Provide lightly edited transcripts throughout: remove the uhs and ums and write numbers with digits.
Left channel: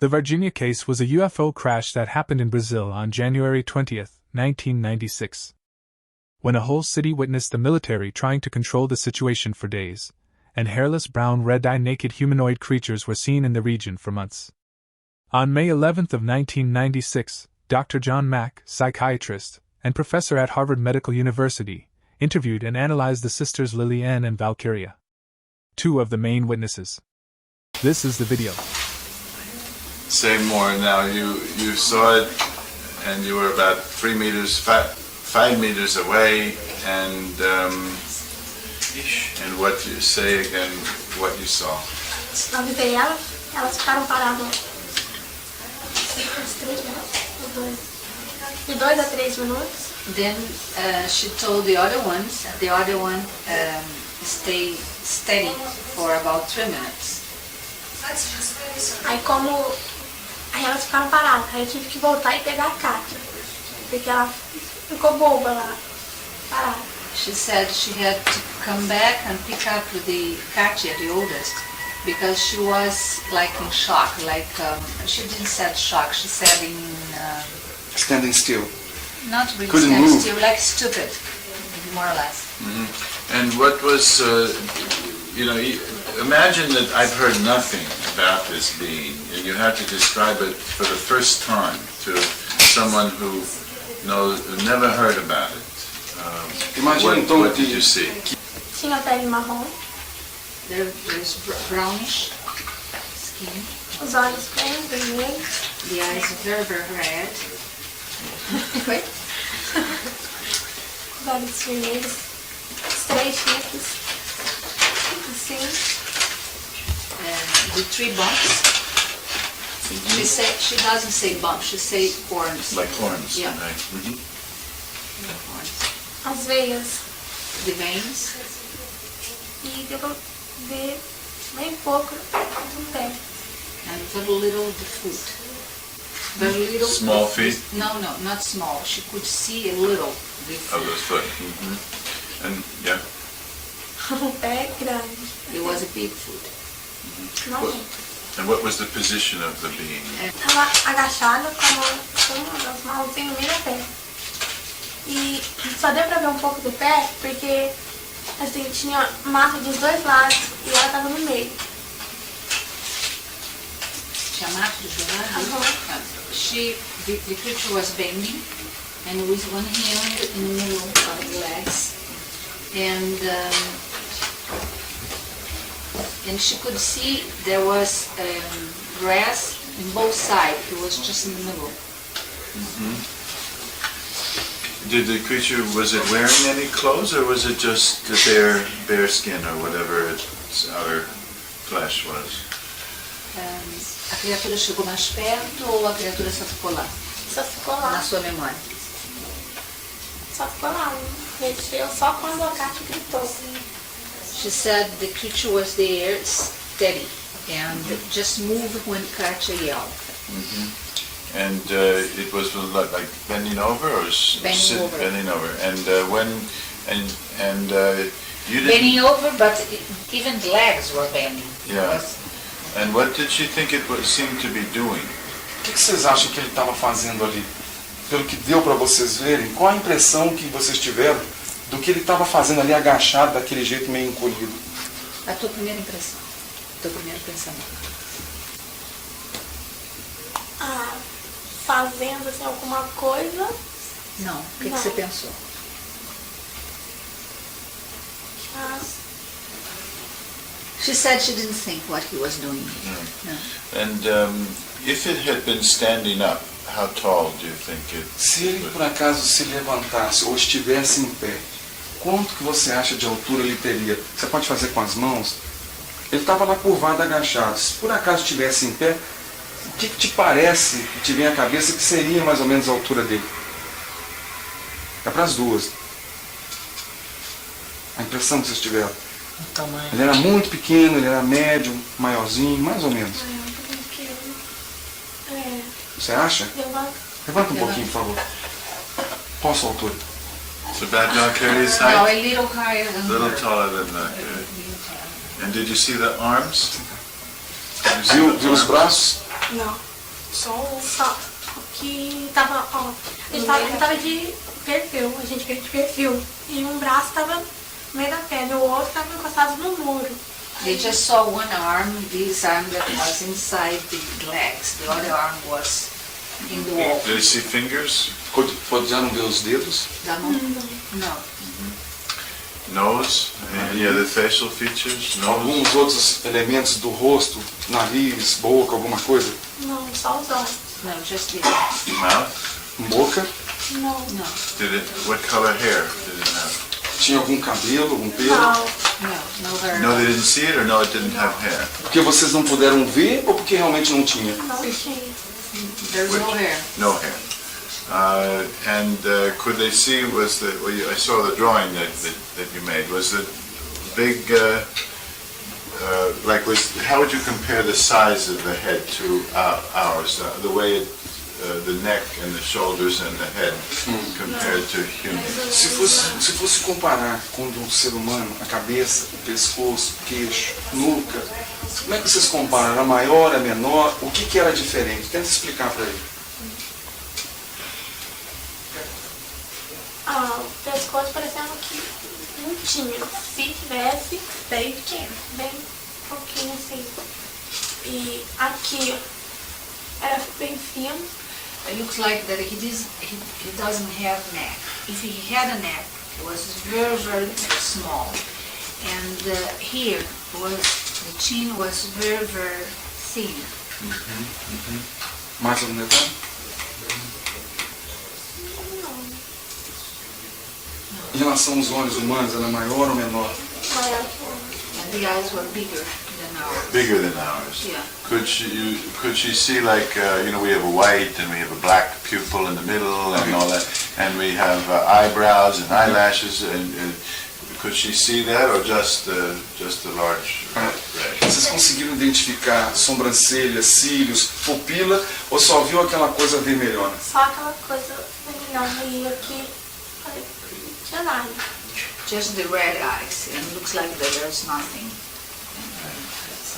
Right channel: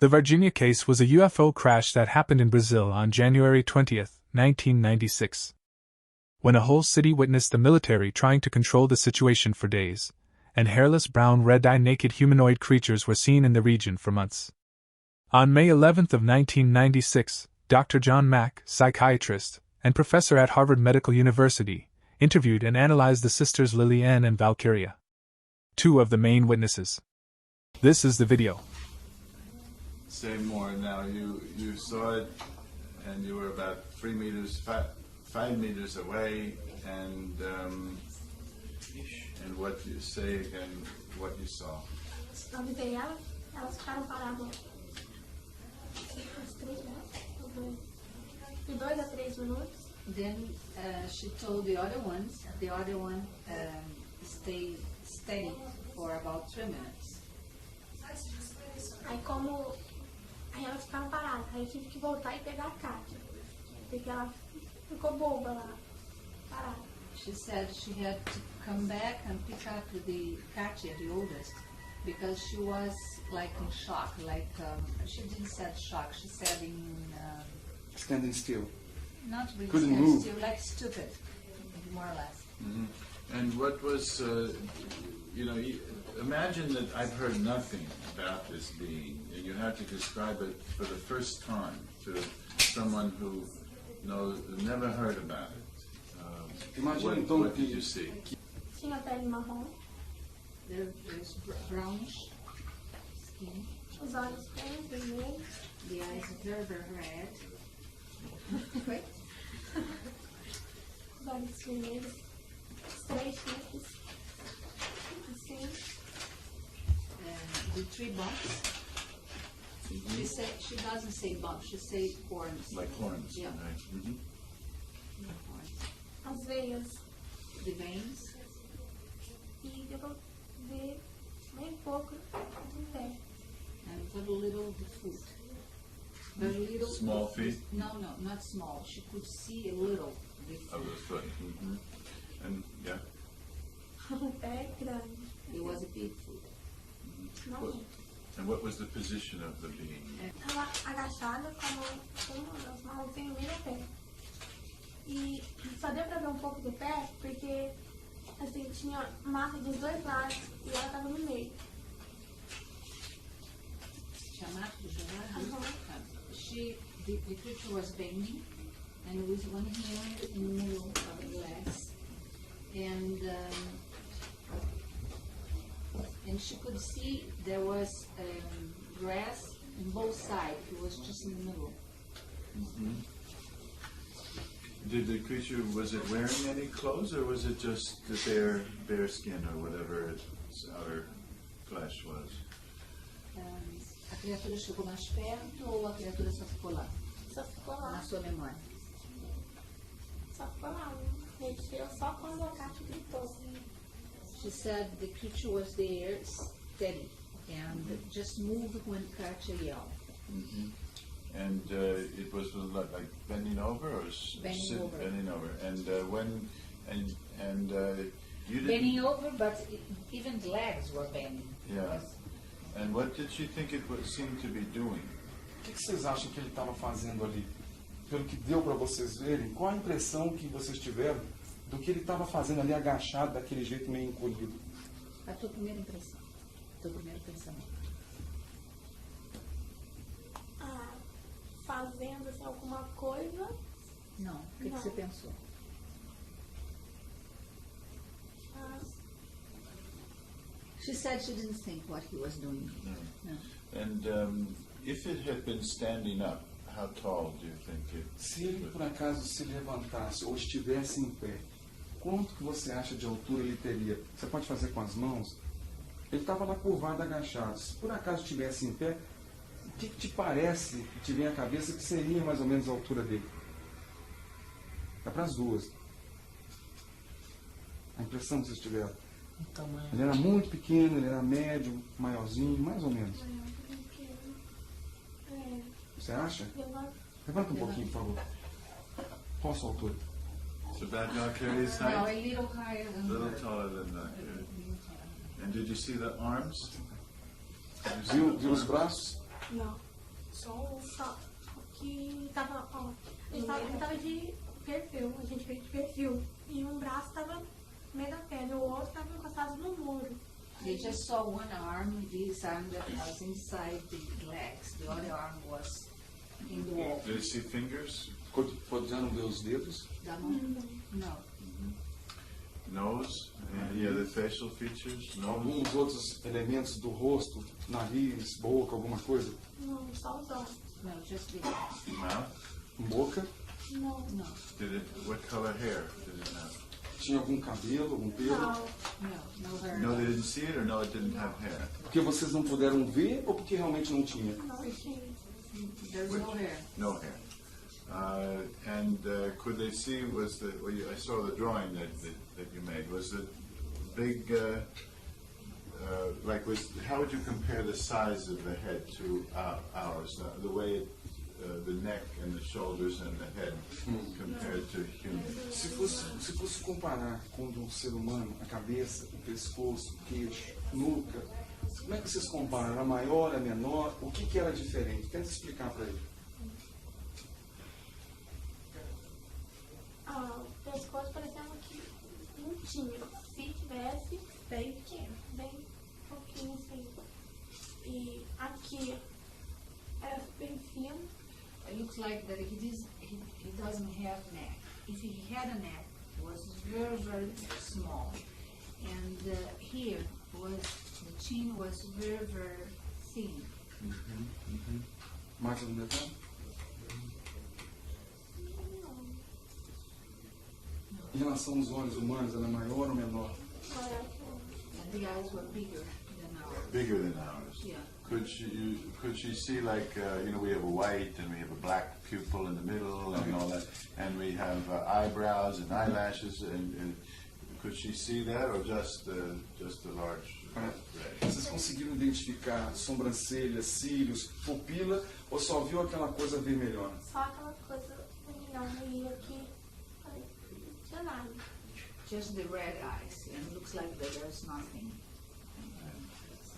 The Varginha case was a UFO crash that happened in Brazil on January 20, 1996. When a whole city witnessed the military trying to control the situation for days, and hairless brown red-eyed naked humanoid creatures were seen in the region for months. On May 11 of 1996, Dr. John Mack, psychiatrist, and professor at Harvard Medical University, interviewed and analyzed the sisters Lily Ann and Valkyria, two of the main witnesses. This is the video. Say more now. You saw it, and you were about 5 meters away, and what you say again? What you saw? Avisei elas ficaram paradas de 2 a 3 minutos. Then she told the other one stay steady for about 3 minutes. Aí elas ficaram paradas, aí eu tive que voltar e pegar a Kátia, porque ela ficou boba lá, parada. She said she had to come back and pick up the Katia, the oldest, because she was like in shock, she didn't say shock, she said in... standing still. Not really Couldn't standing move. still, like stupid, more or less. Mm-hmm. And what was, imagine that I've heard nothing about this being, and you had to describe it for the first time to someone who never heard about it. What did you see? Tinha pele marrom, There's brownish skin, os olhos bem vermelhos, the eyes very, very red. Wait. os olhos vermelhos, os 3 chifres, assim. The 3 bumps. She doesn't say bumps, she say horns. Like horns. Yeah. Right? Mm-hmm. Horns. As veias, The veins. e deu pra ver bem pouco do pé. And very little the foot. Very little. Small feet? No, not small. She could see a little the Of foot. the foot. Mm-hmm. And yeah. O pé grande. It was a big foot. Não What- And what was the position of the being? Tava agachada com as mãozinhas no meio do pé. E só deu pra ver um pouco do pé porque assim, tinha massa dos 2 lados e ela tava no meio. She the creature was bending, and with one hand in the middle of the legs, and she could see there was grass in both sides. It was just in the middle. Did the creature, was it wearing any clothes, or was it just the bare skin, or whatever its outer flesh was? A criatura chegou mais perto ou a criatura só ficou lá? Só ficou Na lá, sua memória? só ficou lá. Mexeu só quando a Kátia gritou. She said the creature was there steady and just moved when Katia yelled. And it was like bending over, or Bending over. Bending over. And you didn't. Bending over, but even the legs were bending. Yeah. And what did she think it seemed to be doing? O que vocês acham que ele estava fazendo ali? Pelo que deu para vocês verem, qual a impressão que vocês tiveram do que ele estava fazendo ali agachado, daquele jeito meio encolhido? A tua primeira impressão, teu primeiro pensamento. Fazendo assim, alguma coisa. Não, o que Não. você pensou? She said she didn't think what he was doing. No. And if it had been standing up, how tall do you think it? Se ele por acaso se levantasse ou estivesse em pé, quanto que você acha de altura ele teria? Você pode fazer com as mãos? Ele estava lá curvado, agachado. Se por acaso estivesse em pé, o que te parece, que te vem à cabeça, que seria mais ou menos a altura dele? É para as duas. A impressão que vocês tiveram. O tamanho. Ele era muito pequeno, ele era médio, maiorzinho, mais ou menos. Você acha? Levanta um pouquinho, por favor. Qual a sua altura? So that Valkyrie's No, height? a little higher than A little her. taller than that. And did you see the arms? Did you see Viu the os arms? braços? Não. Só que tava, ó, ele tava de perfil, a gente veio de perfil. E um braço tava no meio da perna, o outro tava encostado no muro. They just saw one arm, this arm that was inside the legs. The other arm was in the wall. Did you see fingers? Podiam ver os dedos? Da mão? Não. Nose? Any other facial features? Nose? Alguns outros elementos do rosto, nariz, boca, alguma coisa? Não, só os olhos. No, just the Mouth? Boca? Não. no, What color hair did it have? Tinha algum cabelo, algum pelo? Não. no hair. No, they didn't see it, or no, it didn't have hair? Porque vocês não puderam ver ou porque realmente não tinha? Não tinha. There's no hair. No hair. Could they see, I saw the drawing that you made, was it big, how would you compare the size of the head to ours? The way the neck and the shoulders and the head compared to human? Se fosse comparar com o do ser humano, a cabeça, o pescoço, o queixo, nuca, como é que vocês comparam? Era maior, era menor? O que era diferente? Tenta explicar para ele. O pescoço parecendo que não tinha. Se tivesse, bem pequeno, bem pouquinho assim. E aqui era bem fino. It looks like that he doesn't have neck. If he had a neck, it was very, very small. And here the chin was very, very thin. Mais algum detalhe? Em relação aos olhos humanos, era maior ou menor? Maior que o And the eyes were bigger than ours. Bigger than ours. Yeah. Could she see like, we have a white and we have a black pupil in the middle and all that, and we have eyebrows and eyelashes, and could she see that, or just a large red? Vocês conseguiram identificar sobrancelha, cílios, pupila, ou só viu aquela coisa vermelhona? Só aquela coisa vermelhona. E aqui, olha, não tinha nada. Just the red eyes. And it looks like that there's nothing.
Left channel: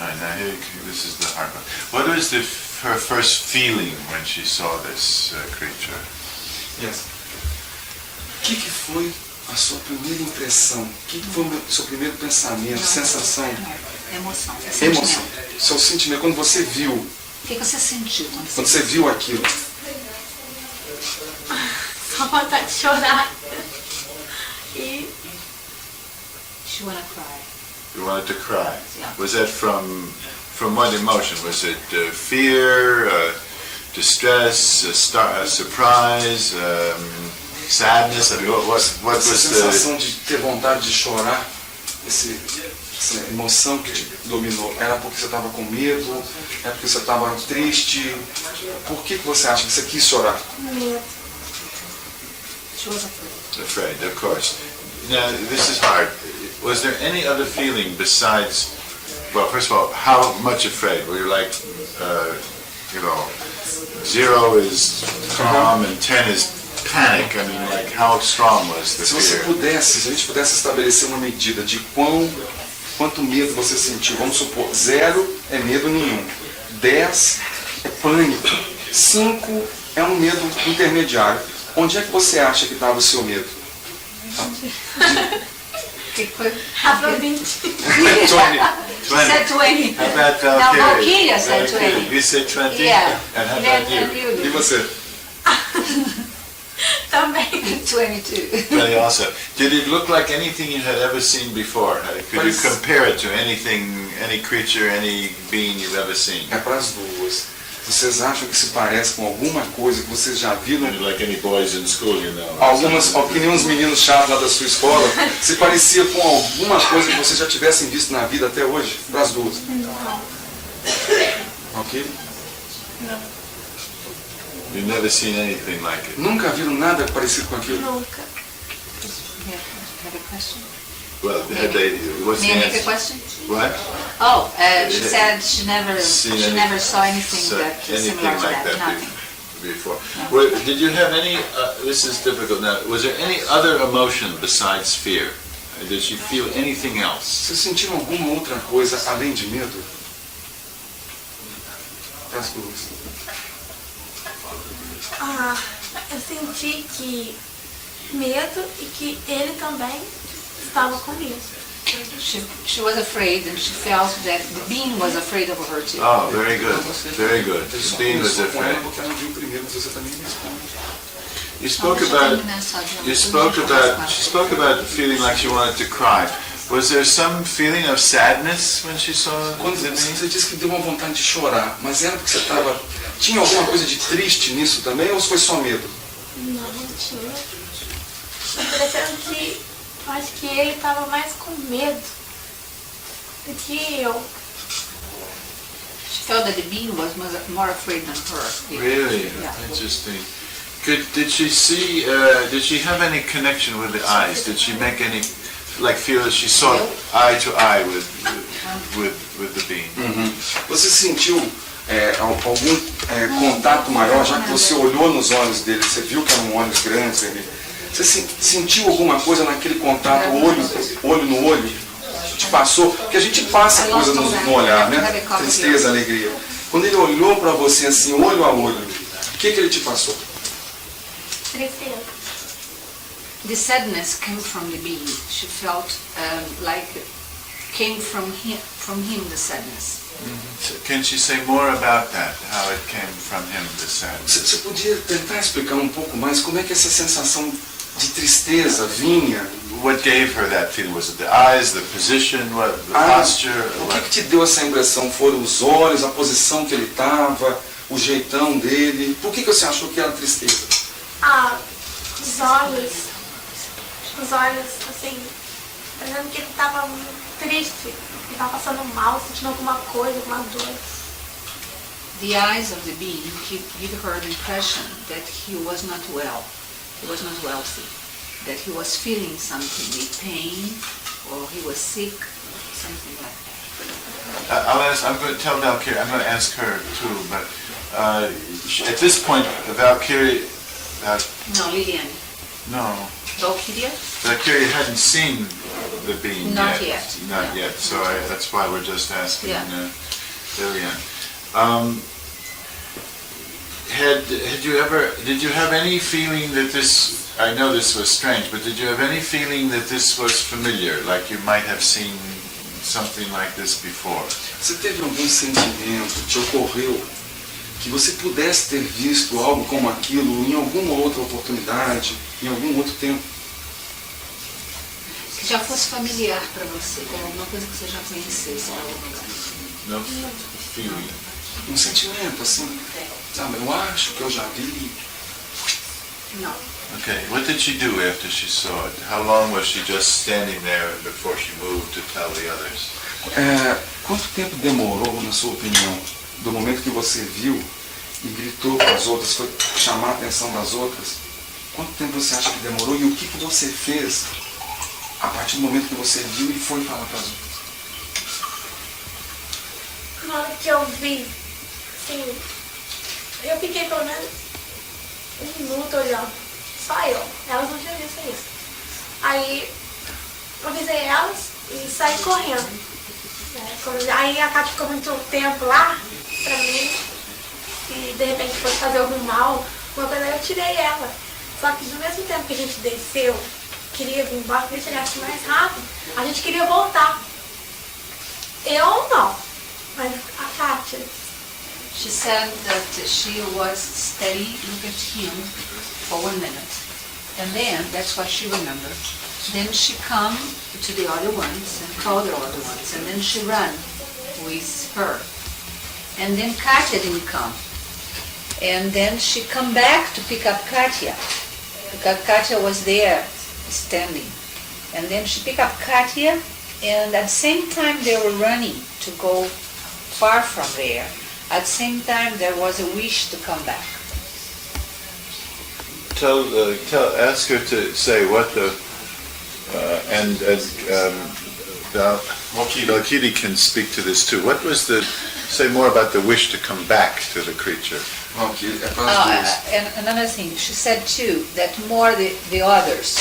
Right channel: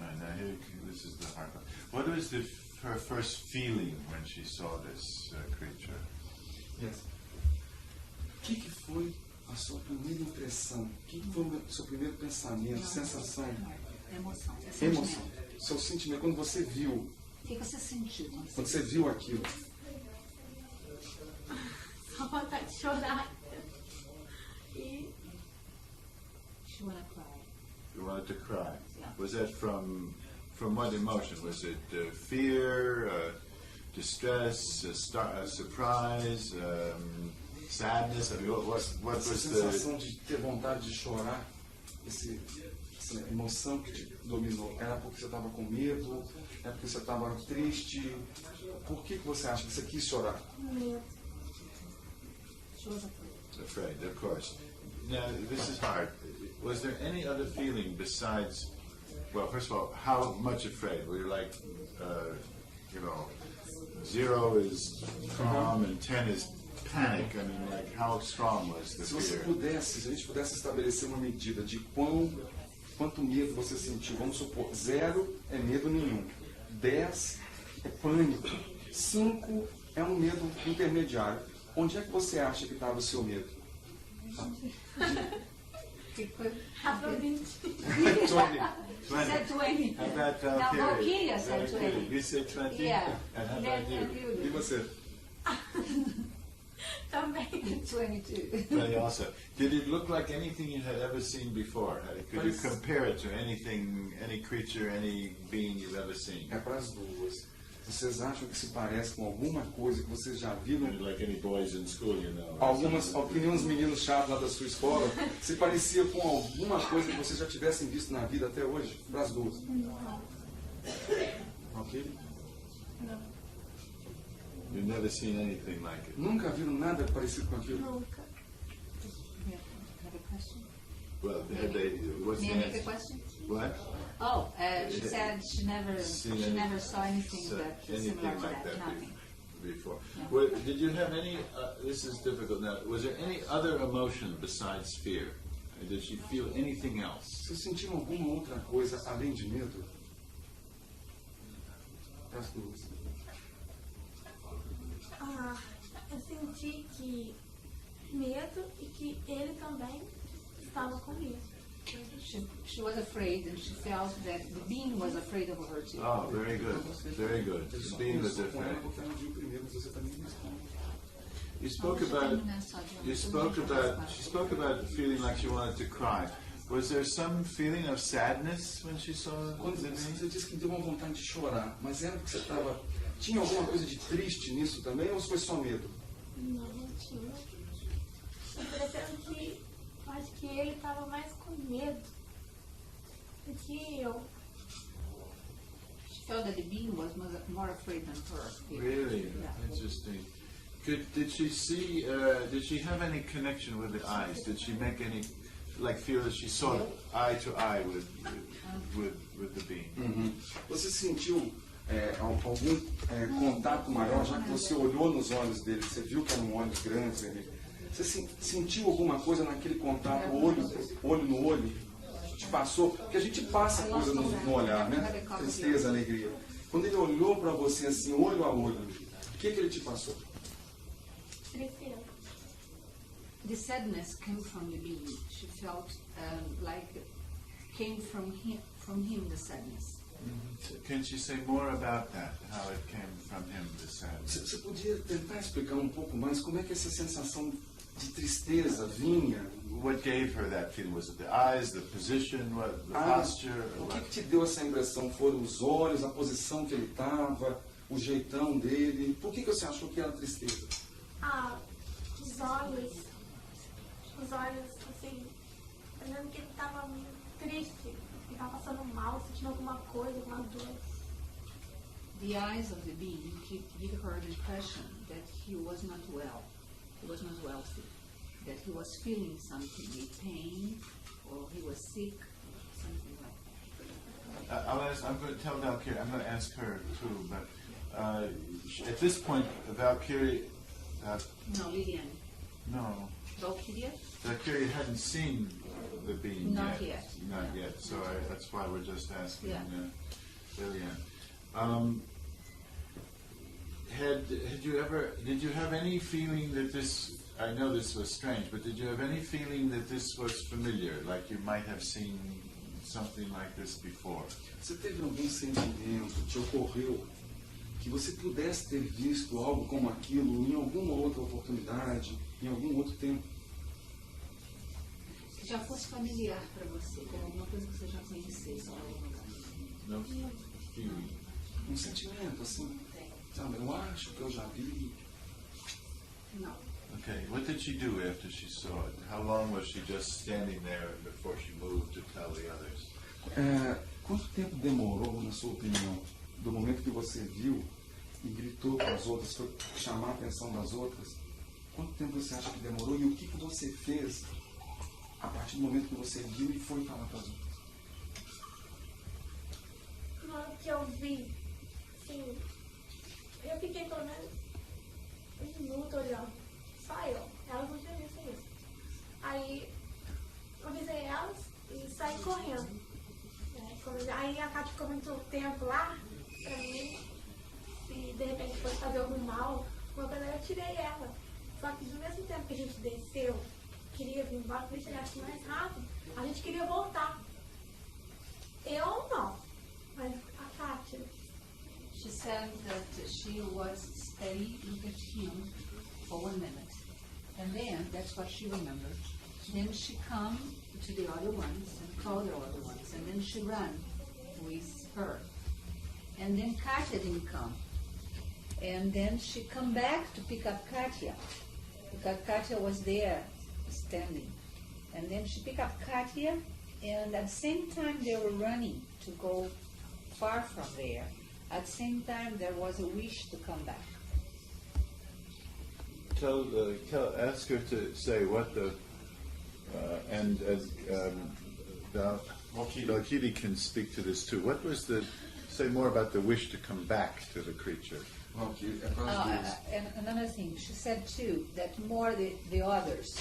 All right, now here, this is the hard one. What was her first feeling when she saw this creature? Yes. O que foi a sua primeira impressão? O que foi o seu primeiro pensamento, sensação? Emoção. Emoção. Seu sentimento, quando você viu, O que você sentiu quando você viu aquilo? Só vontade de chorar. E She wanna cry. You wanted to cry. Yeah. Was that from what emotion? Was it fear, distress, surprise, sadness? I mean, what Essa was the... sensação de ter vontade de chorar, essa emoção que te dominou, era porque você estava com medo? É porque você estava triste? Por que você acha que você quis chorar? medo. She was afraid. Afraid, of course. Now, this is hard. Was there any other feeling besides, well, first of all, how much afraid? Were you like, 0 is calm and 10 is panic? I mean, like, how strong was the Se você fear? pudesse, se a gente pudesse estabelecer uma medida de quanto medo você sentiu, vamos supor, 0 é medo nenhum, 10 é pânico, 5 é um medo intermediário. Onde é que você acha que estava o seu medo? O que foi? Afrodite. 20. She said 20. How about Now Valkyria? Valkyria said 20. You said 20? Yeah. And how And about you? E você? Também. 22. Really also. Did it look like anything you had ever seen before? Could you compare it to anything, any creature, any being you've ever seen? É para as duas. Vocês acham que se parece com alguma coisa que vocês já viram? Like any boys in school, Algumas, que nem uns meninos chatos lá da sua escola, se parecia com alguma coisa que vocês já tivessem visto na vida até hoje? Para as duas. Ok? You've never seen anything like it. Nunca viram nada parecido com aquilo? Nunca. Have a question? Well, what's the May I make a answer? question? What? Oh, she said she never Seen saw anything that anything similar to like that. that Nothing. before? Well, did you have any? This is difficult now. Was there any other emotion besides fear? Did you feel anything else? Vocês sentiram alguma outra coisa além de medo? Para as duas. Eu senti que medo e que ele também estava com medo. She was afraid, and she felt that the being was afraid of her too. Oh, very good. Very good. The Só being was começou com afraid. ela porque ela viu primeiro, mas você também responde. You spoke about feeling like she wanted to cry. Was there some feeling of sadness when she saw Quando the being? você disse que deu uma vontade de chorar, mas era porque você estava... Tinha alguma coisa de triste nisso também ou foi só medo? Não tinha. Parecendo que eu acho que ele estava mais com medo do que eu. She felt that the being was more afraid than her. Really? Yeah. Interesting. Did she see, did she have any connection with the eyes? Did she make any, like feel that she saw eye to eye with the being? Você sentiu algum contato maior, já que você olhou nos olhos dele, você viu que eram olhos grandes ali? Você sentiu alguma coisa naquele contato, olho no olho? Te passou? Porque a gente passa coisa no olhar, né? Tristeza, alegria. Quando ele olhou para você assim, olho a olho, o que ele te passou? Tristeza. The sadness came from the being. She felt like came from him the sadness. So can she say more about that? How it came from him, the sadness? Você podia tentar explicar um pouco mais como é que essa sensação de tristeza vinha? What gave her that feeling? Was it the eyes, the position, what, the posture? O What? que te deu essa impressão? Foram os olhos, a posição que ele estava, o jeitão dele? Por que você achou que era tristeza? Os olhos, assim, parecendo que ele estava triste, ele estava passando mal, sentindo alguma coisa, alguma dor. The eyes of the being give her the impression that he was not well. He was not wealthy. That he was feeling something, a pain, or he was sick, something like that. I'm going to tell Valkyrie, I'm going to ask her too, but at this point, Valkyrie, No, Liliane. no, Valkyria? Valkyrie hadn't seen the being Not yet. yet. Not No. yet, so that's why we're just asking Yeah. Liliane. Did you have any feeling that this, I know this was strange, but did you have any feeling that this was familiar, like you might have seen something like this before? Você teve algum sentimento, te ocorreu, que você pudesse ter visto algo como aquilo em alguma outra oportunidade, em algum outro tempo? Que já fosse familiar para você, como alguma coisa que você já conhecesse em algum lugar. No feeling. Um sentimento assim, sabe, eu acho que eu já vi. Não. Okay, what did she do after she saw it? How long was she just standing there before she moved to tell the others? Quanto tempo demorou, na sua opinião, do momento que você viu e gritou para as outras, foi chamar a atenção das outras? Quanto tempo você acha que demorou e o que você fez a partir do momento que você viu e foi falar para as outras? Na hora que eu vi, assim, eu fiquei pelo menos 1 minuto olhando. Só eu. Elas não tinham visto isso. Aí eu avisei elas e saí correndo. Aí a Cátia ficou muito tempo lá pra mim. Se de repente fosse fazer algum mal, uma coisa, eu tirei ela. Só que do mesmo tempo que a gente desceu, queria vir embora, queria chegar mais rápido, a gente queria voltar. Eu não, mas a Cátia. She said that she was steady looking at him for 1 minute. And then, that's what she remembered. Then she come to the other ones and called the other ones. And then she ran with her. And then Katya didn't come. And then she come back to pick up Katya. Because Katya was there standing. And then she picked up Katya. And at the same time they were running to go far from there. At the same time, there was a wish to come back. Ask her to say what the, Valkyrie can speak to this too. What was say more about the wish to come back to the creature? And another thing, she said too, that more the others,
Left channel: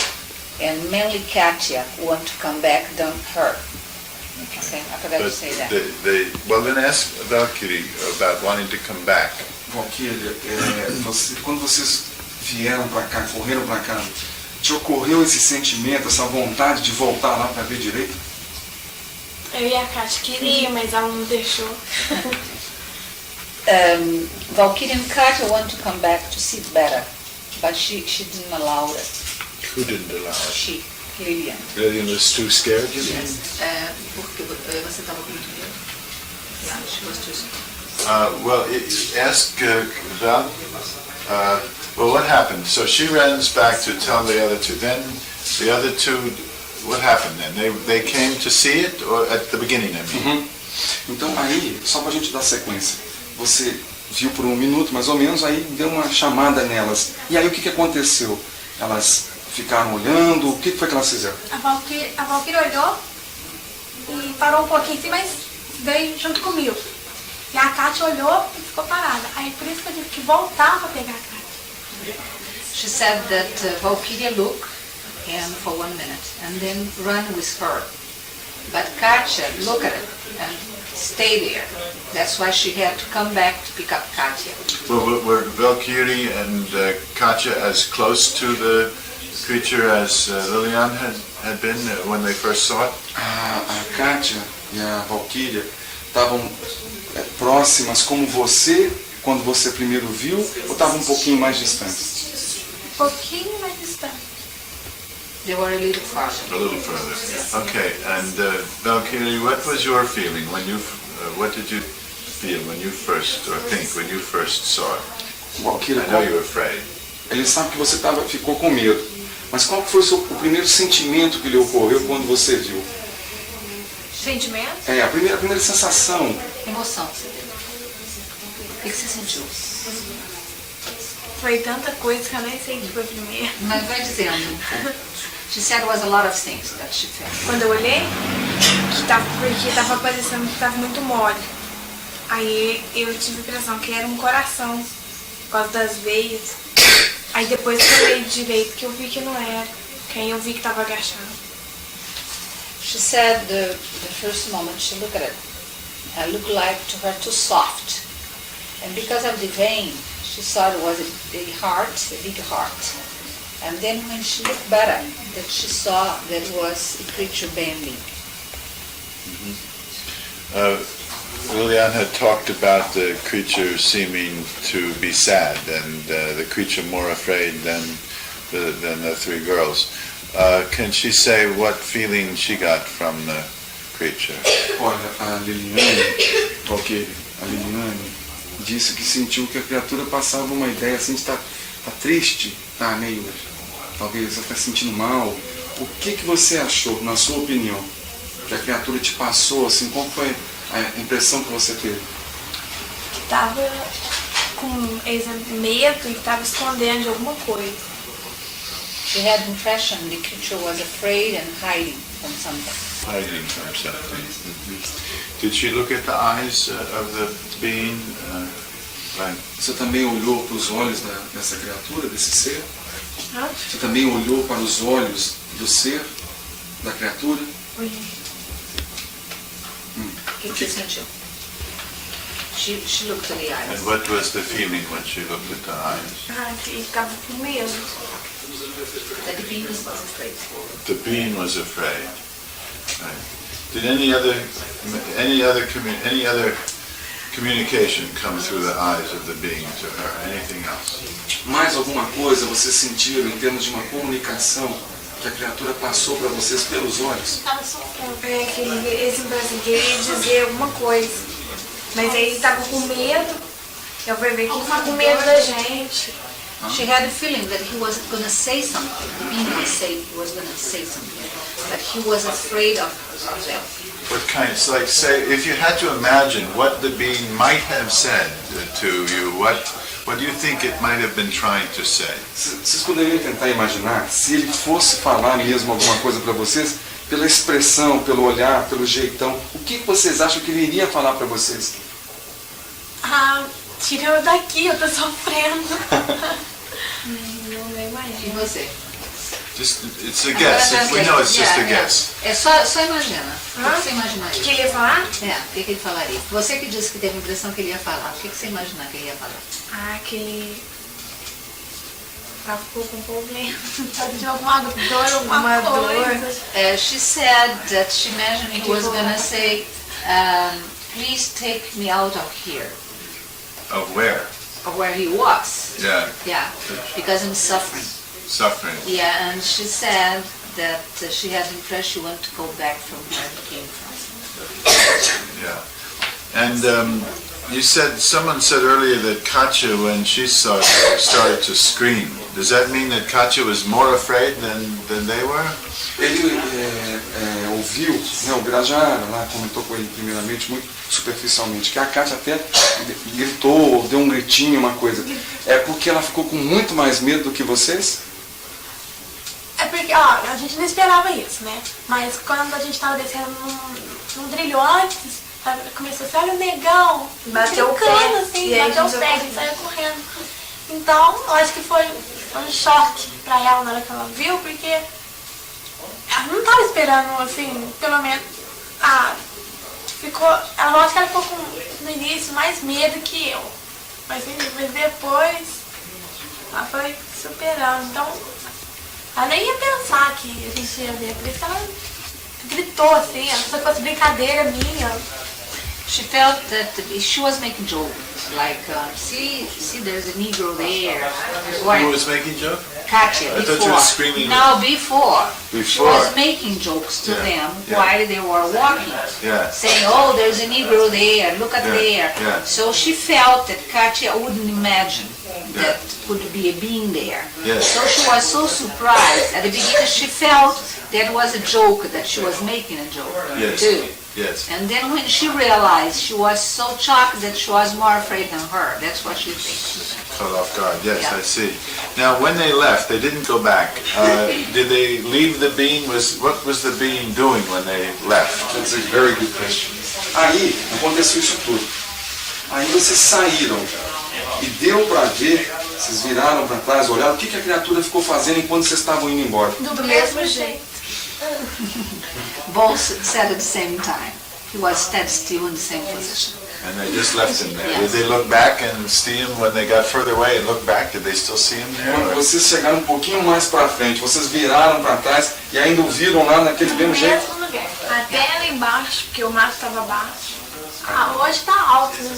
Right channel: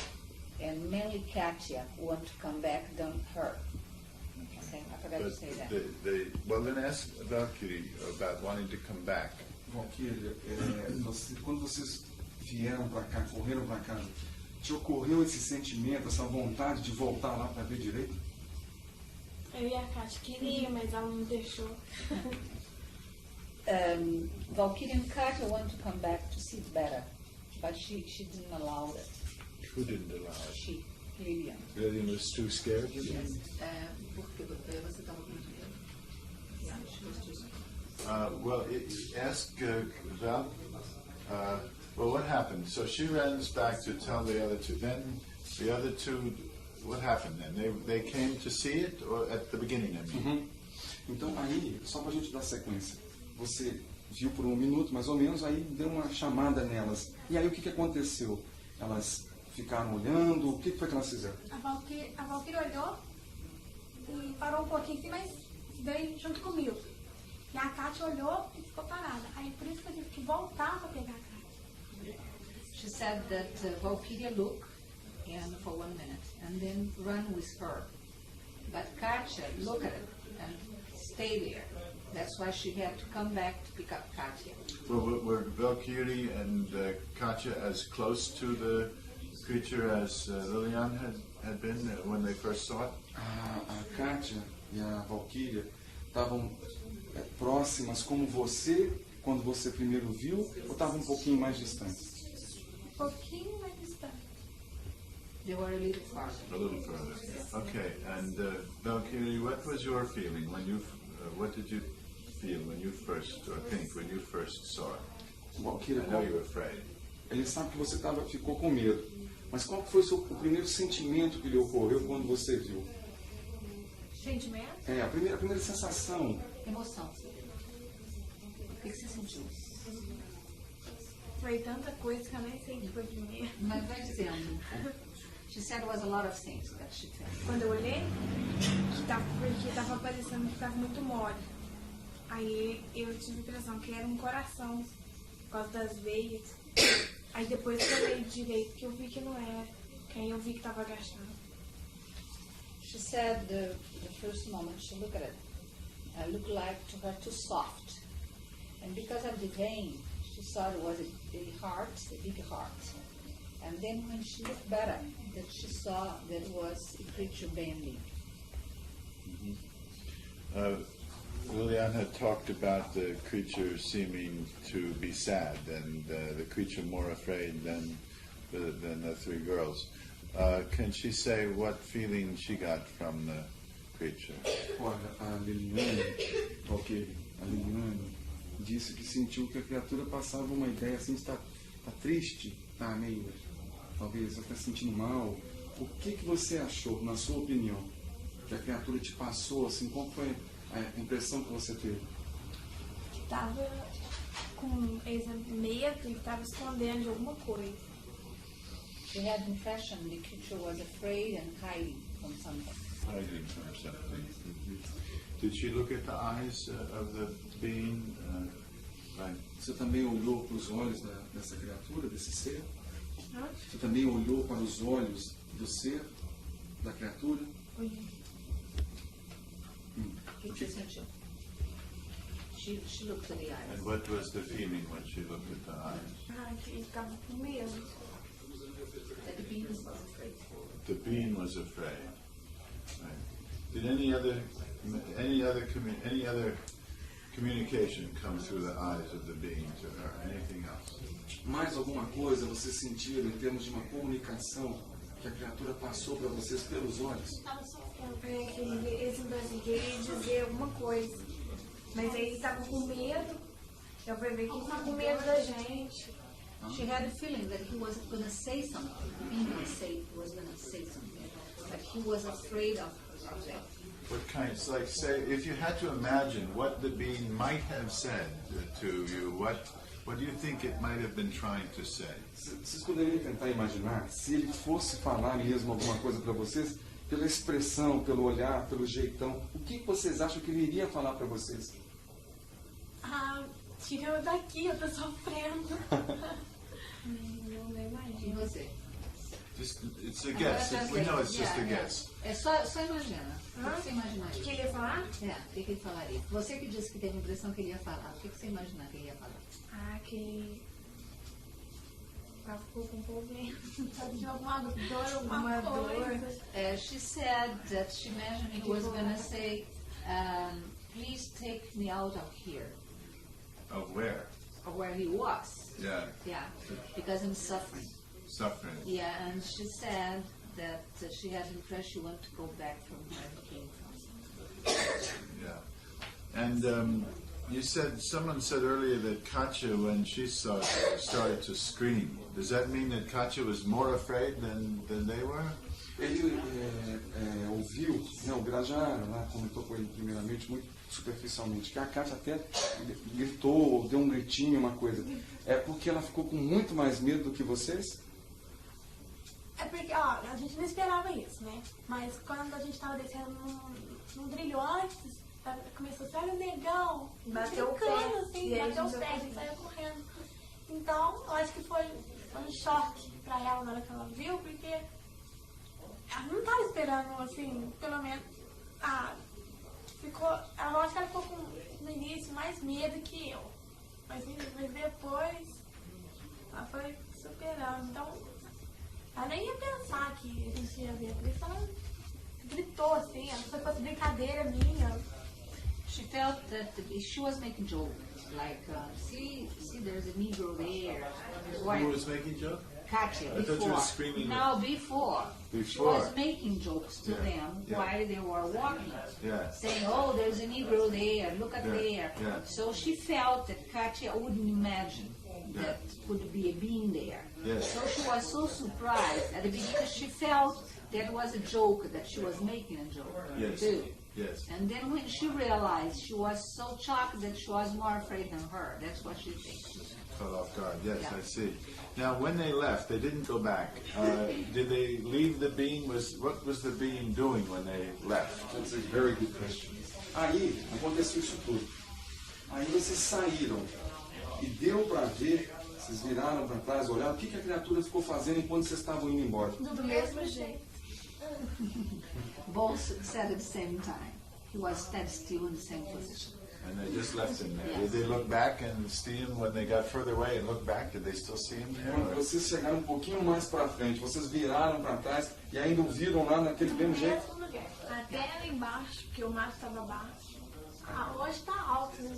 and mainly Katya, want to come back than her. Okay, I forgot to say that. Well, then ask Valkyrie about wanting to come back. Valquíria, quando vocês vieram para cá, correram para cá, te ocorreu esse sentimento, essa vontade de voltar lá para ver direito? Eu e a Kátia queria, mas ela não deixou. Valkyrie and Katya want to come back to see better, but she didn't allow it. Who didn't allow it? She, Lilian. Lillian was too scared, you mean? Porque você estava com muito medo. Yeah, she was too scared. Well, ask Val. Well, what happened? So she runs back to tell the other two. Then the other two, what happened then? They came to see it, or at the beginning, I mean? Uhum. Então aí, só para a gente dar sequência, você viu por 1 minuto mais ou menos, aí deu uma chamada nelas. E aí o que aconteceu? Elas ficaram olhando, o que foi que elas fizeram? A Valkyrie olhou e parou um pouquinho assim, mas veio junto comigo. E a Kátia olhou e ficou parada. Aí por isso que eu tive que voltar para pegar a Kátia. She said that Valkyria looked and for 1 minute and then run with her. But Katya looked at it and stayed there. That's why she had to come back to pick up Katya. Well, were Valkyrie and Katya as close to the creature as Lillian had been when they first saw it? A Katya e a Valquíria estavam próximas como você, quando você primeiro viu, ou estavam um pouquinho mais distantes? Um pouquinho mais distante. They were a little farther. A little further. Okay, and Valkyrie, what was your feeling when you, what did you feel when you first, or think when you first saw it? Valquíria, I know you were afraid. ele sabe que você ficou com medo, mas qual foi o primeiro sentimento que lhe ocorreu quando você viu? Sentimento? A primeira sensação. Emoção, você teve. O que você sentiu? Foi tanta coisa que eu nem sei o que foi primeiro. Mas vai dizendo. She said it was a lot of things that she felt. Quando eu olhei, porque tava parecendo que tava muito mole. Aí eu tive a impressão que era um coração, por causa das veias. Aí depois que eu olhei direito, que eu vi que não era. Que aí eu vi que tava agachado. She said the first moment she looked at it, it looked like to her too soft. And because of the vein, she thought it was a heart, a big heart. And then when she looked better, that she saw that it was a creature bending. Lillian had talked about the creature seeming to be sad, and the creature more afraid than the 3 girls. Can she say what feeling she got from the creature? Olha, a Liliane, Valquíria, a Liliane disse que sentiu que a criatura passava uma ideia assim de estar triste, tá meio, talvez até sentindo mal. O que você achou, na sua opinião, que a criatura te passou, assim, qual foi a impressão que você teve? Que tava com medo e que tava escondendo de alguma coisa. She had the impression the creature was afraid and hiding from something. Hiding from something. Did she look at the eyes of the being? Você também olhou para os olhos dessa criatura, desse ser? Hã? Você também olhou para os olhos do ser, da criatura? Olhei. O que você sentiu? She looked at the eyes. And what was the feeling when she looked at the eyes? E ficava com medo. That the being was afraid. The being was afraid. Right. Did any other communication come through the eyes of the being to her? Anything else? Mais alguma coisa vocês sentiram em termos de uma comunicação que a criatura passou para vocês pelos olhos? Tava sofrendo. Esse brasileiro queria dizer alguma coisa. Mas aí tava com medo. Eu fui ver que ele tava com medo da gente. She had a feeling that he was going to say something. The being was going to say something. But he was afraid of them. What kind? It's like, say, if you had to imagine what the being might have said to you, what do you think it might have been trying to say? Vocês poderiam tentar imaginar se ele fosse falar mesmo alguma coisa para vocês, pela expressão, pelo olhar, pelo jeitão, o que vocês acham que ele iria falar para vocês? Tira eu daqui, eu tô sofrendo. Não imagino. E você? It's a guess. We know it's just a guess. É só imagina. O que você imaginaria? O que ele ia falar? O que ele falaria? Você que disse que teve a impressão que ele ia falar. O que você imagina que ele ia falar? Ah, que ele ficou com problema. De alguma dor, alguma coisa. She said that she imagined he was going to say, please take me out of here. Of where? Of where he was. Yeah. Yeah, because I'm suffering. Suffering. Yeah, and she said that she had the impression she wanted to go back from where he came from. Yeah. And you said, someone said earlier that Katya, when she saw it, started to scream. Does that mean that Katya was more afraid than they were? Ele ouviu, né, o Birajara lá comentou com ele primeiramente, muito superficialmente, que a Kátia até gritou, deu um gritinho, uma coisa. É porque ela ficou com muito mais medo do que vocês? É porque, ó, a gente não esperava isso, né? Mas quando a gente tava descendo num trilho antes, começou assim, olha o negão, Bateu o pé. assim, E aí bateu o a gente pé, a gente saiu correndo. Então, eu acho que foi um choque pra ela na hora que ela viu, porque ela não tava esperando, assim, pelo menos, eu acho que ela ficou no início mais medo que eu. Mas depois, ela foi superando. Então, ela nem ia pensar que a gente ia ver, por isso ela gritou assim, se fosse brincadeira minha. She felt that she was making joke, like, see, there's a Negro there. Who was making joke? Katya, I before. thought you were screaming. No, before. She Before. was making jokes to them while they were walking. Yeah. Saying, oh, there's a Negro there, look at Yeah, there. yeah. So she felt that Katya wouldn't imagine that could be a being there. Yes. So she was so surprised. At the beginning she felt that was a joke, that she was making a joke Yes. too. Yes. And then when she realized, she was so shocked that she was more afraid than her. That's what she thinks. Caught off guard. Yes, Yeah. I see. Now, when they left, they didn't go back. Did they leave the being? What was the being doing when they left? That's a very good question. Aí aconteceu isso tudo. Aí vocês saíram e deu pra ver, vocês viraram pra trás, olharam, o que a criatura ficou fazendo enquanto vocês estavam indo embora? Do mesmo jeito. Both said at the same time. He was stead still in the same position. And they just left him there. Yes. Did they look back and see him when they got further away and look back? Did they still see him there? Quando or- vocês chegaram um pouquinho mais pra frente, vocês viraram pra trás e ainda o viram lá naquele mesmo jeito? Mesmo lugar. Até lá embaixo, porque o mato estava baixo. Hoje tá alto, né?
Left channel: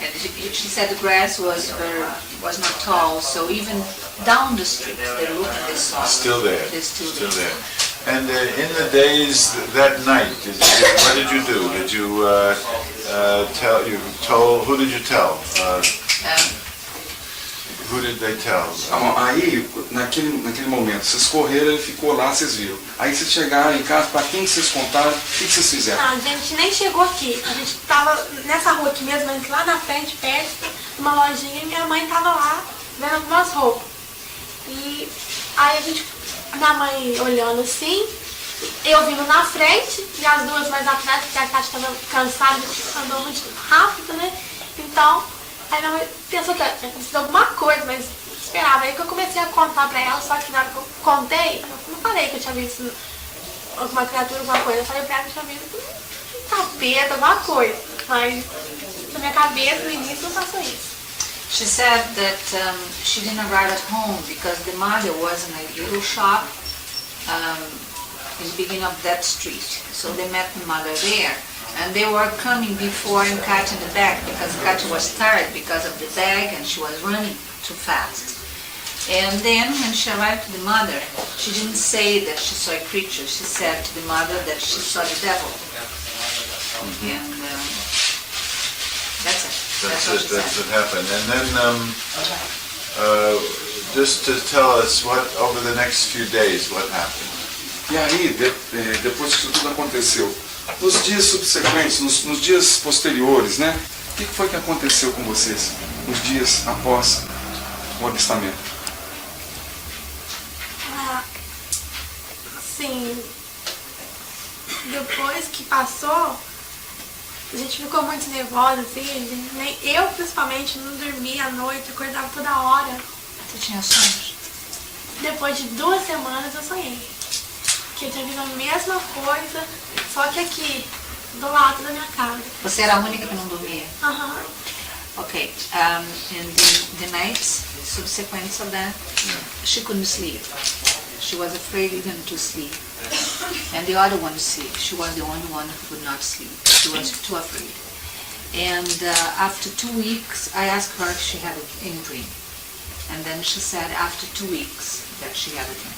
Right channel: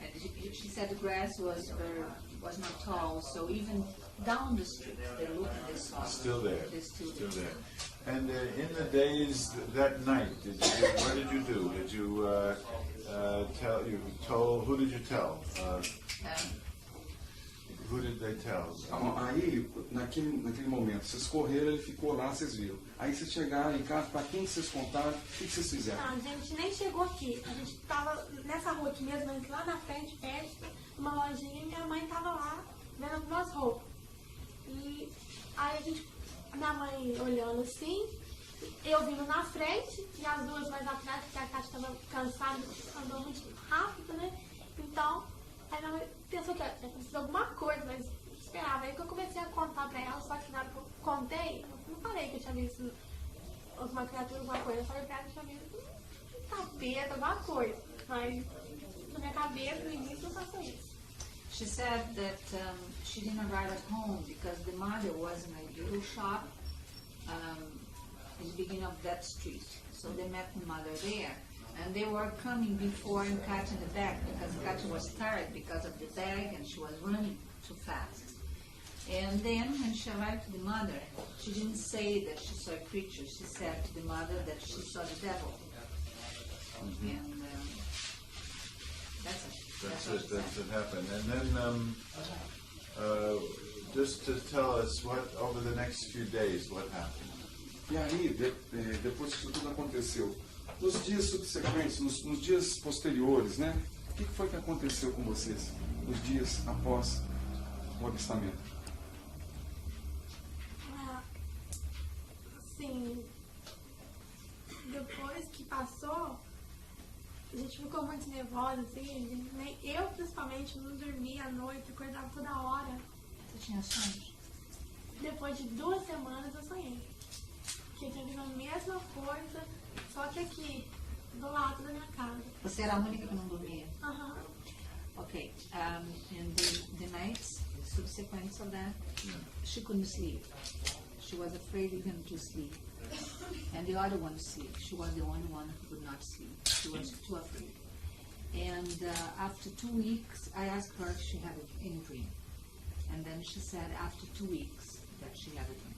And she said the grass was not tall, so even down the street they looked and they saw. Still there. They're still Still there. there. And in the days that night, what did you do? Did you who did you tell? Who did they tell? Aí, naquele momento, vocês correram, ele ficou lá, vocês viram. Aí vocês chegaram em casa, pra quem vocês contaram, o que vocês fizeram? Não, a gente nem chegou aqui. A gente tava nessa rua aqui mesmo, mas lá na frente, perto, numa lojinha, e minha mãe tava lá, vendo algumas roupas. E aí minha mãe olhando assim, eu vindo na frente, e as duas mais atrás, porque a Kátia tava cansada, andou muito rápido, né? Então, aí minha mãe pensou que tinha acontecido alguma coisa, mas esperava. Aí que eu comecei a contar pra ela, só que na hora que eu contei, eu não falei que eu tinha visto alguma criatura, alguma coisa. Eu falei pra ela que eu tinha visto um capeta, alguma coisa. Mas na minha cabeça, no início, não passou isso. She said that she didn't arrive at home because the mother was in a little shop in the beginning of that street. So they met the mother there. And they were coming before and Katya in the back because Katya was tired because of the bag and she was running too fast. And then when she arrived to the mother, she didn't say that she saw a creature. She said to the mother that she saw the devil. And that's it. That's what it. she That's said. what happened. And then, just to tell us what over the next few days, what happened. E aí, depois que isso tudo aconteceu, nos dias subsequentes, nos dias posteriores, né? O que foi que aconteceu com vocês nos dias após o avistamento? Assim, depois que passou, a gente ficou muito nervosa, assim, eu principalmente não dormia à noite, acordava toda hora. Você tinha sonhos? depois de 2 semanas eu sonhei. Que eu tinha visto a mesma coisa, só que aqui, do lado da minha casa. Você era a única que não dormia? Aham. Okay, and the nights subsequent of that, she couldn't sleep. She was afraid even to sleep. And the other one sleep. She was the only one who could not sleep. She was too afraid. And after 2 weeks, I asked her if she had any dream. And then she said after 2 weeks that she had a dream.